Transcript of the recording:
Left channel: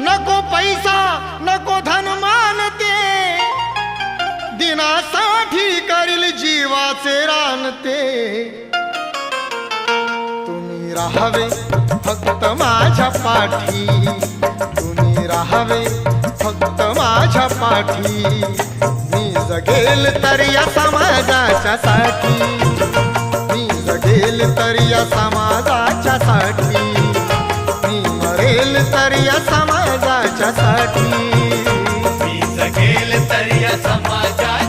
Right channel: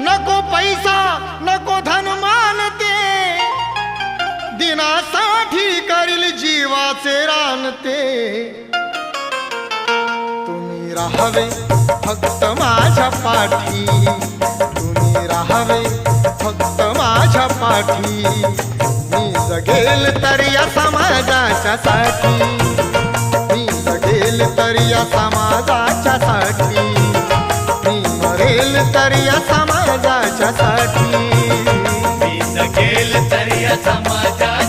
नको पैसा नको धन मानते, दिनासाठी करील जीवाचे रानते। तुम्ही राहावे फक्त माझ्या पाठी, तुम्ही राहावे फक्त माझ्या पाठी। मी जगेल तर या समाजाच्या साठी, मी जगेल तर या समाजाच्या साठी, मी मरेल तर या समाजाच्या साठी, मी जगेल तर या समाजाच्या